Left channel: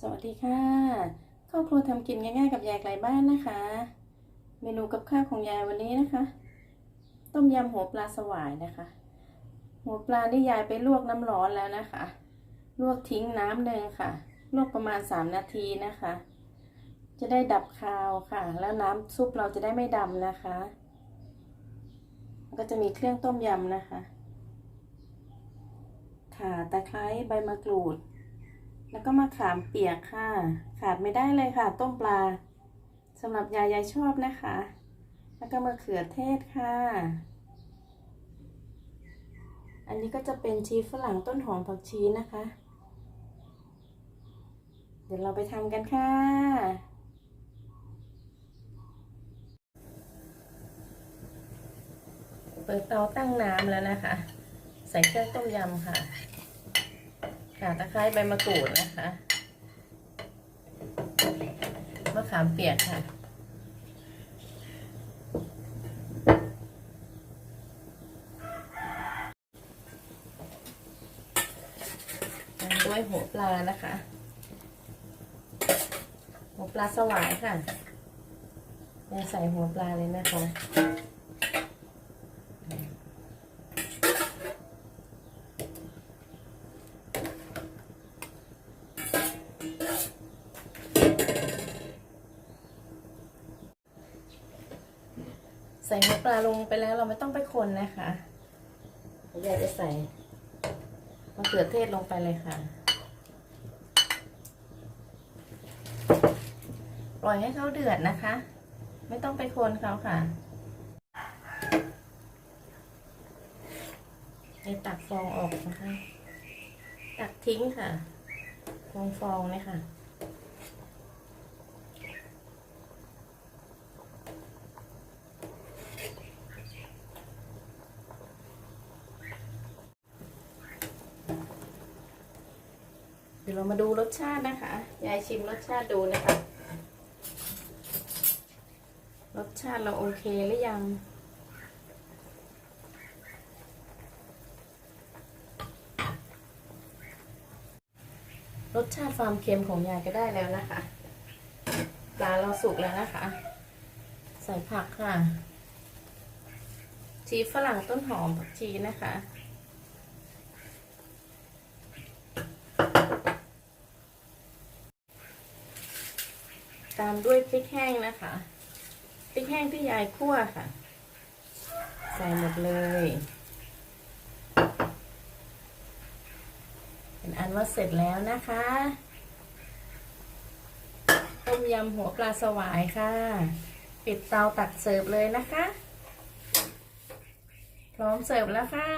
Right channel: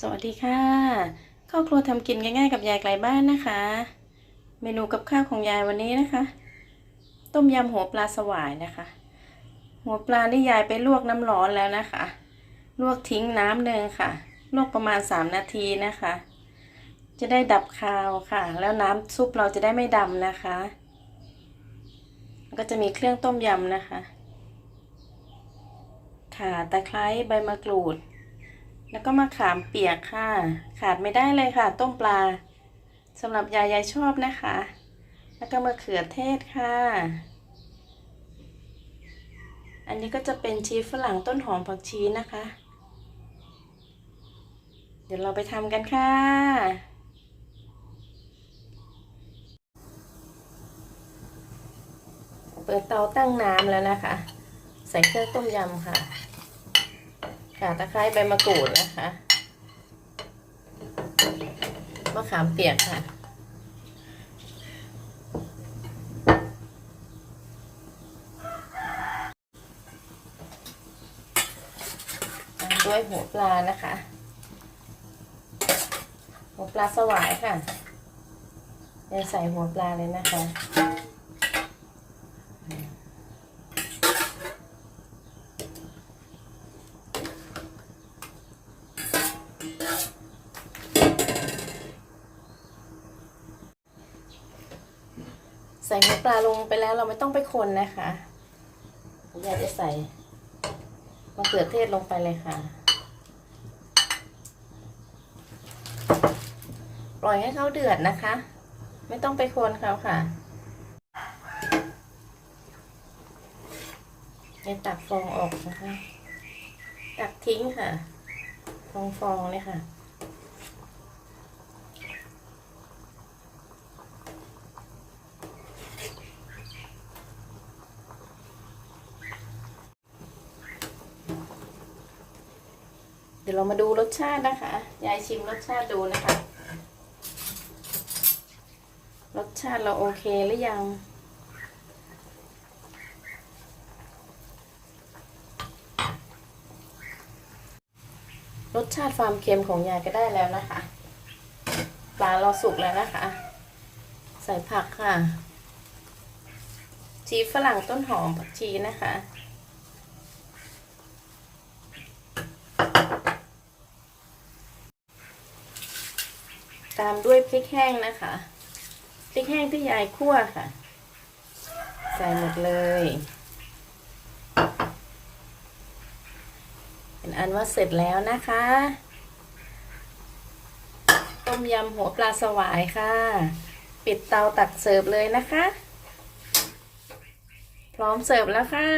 สวัสดีค่ะข้าครัวทำกินง่ายๆกับยายไกลบ้านนะคะ เมนูกับข้าวของยายวันนี้นะคะ ต้มยำหัวปลาสวายนะคะ หัวปลาที่ยายไปลวกน้ำร้อนแล้วนะคะ ลวกทิ้งน้ำหนึ่งค่ะ ลวกประมาณ 3 นาทีนะคะ จะได้ดับคาวค่ะ แล้วน้ำซุปเราจะได้ไม่ดำนะคะ ก็จะมีเครื่องต้มยำนะคะ ข่าตะไคร้ใบมะกรูด แล้วก็มะขามเปียกค่ะ ขาดไม่ได้เลยค่ะ ต้มปลาสำหรับยายยายชอบนะคะ แล้วก็มะเขือเทศค่ะ อันนี้ก็จะเป็นชีฝรั่งต้นหอมผักชีนะคะ เดี๋ยวเราไปทำกันค่ะเปิดเตาตั้งน้ำแล้วนะคะ ใส่เครื่องต้มยำค่ะ ข่าตะไคร้ใบมะกรูดนะคะมะขามเปียกค่ะตามด้วยหัวปลานะคะ หัวปลาสวายค่ะเดี๋ยวใส่หัวปลาเลยนะคะ ใส่หัวปลาลงไปแล้วเราไม่ต้องไปคนนะคะอยากจะใส่มะเขือเทศลงไปเลยค่ะ ปล่อยให้เขาเดือดนะคะ ไม่ต้องไปคนเขาค่ะเดี๋ยวตักฟองออกนะคะ ตักทิ้งค่ะ ฟองฟองๆเลยค่ะ เดี๋ยวเรามาดูรสชาตินะคะ ยายชิมรสชาติดูนะคะ รสชาติเราโอเคหรือยัง รสชาติความเค็มของยายก็ได้แล้วนะคะ ปลาเราสุกแล้วนะคะ ใส่ผักค่ะชีฝรั่งต้นหอมผักชีนะคะ ตามด้วยพริกแห้งนะคะพริกแห้งที่ยายคั่วค่ะ ใส่หมดเลย เป็นอันว่าเสร็จแล้วนะคะต้มยำหัวปลาสวายค่ะ ปิดเตาตักเสิร์ฟเลยนะคะ พร้อมเสิร์ฟแล้วค่ะ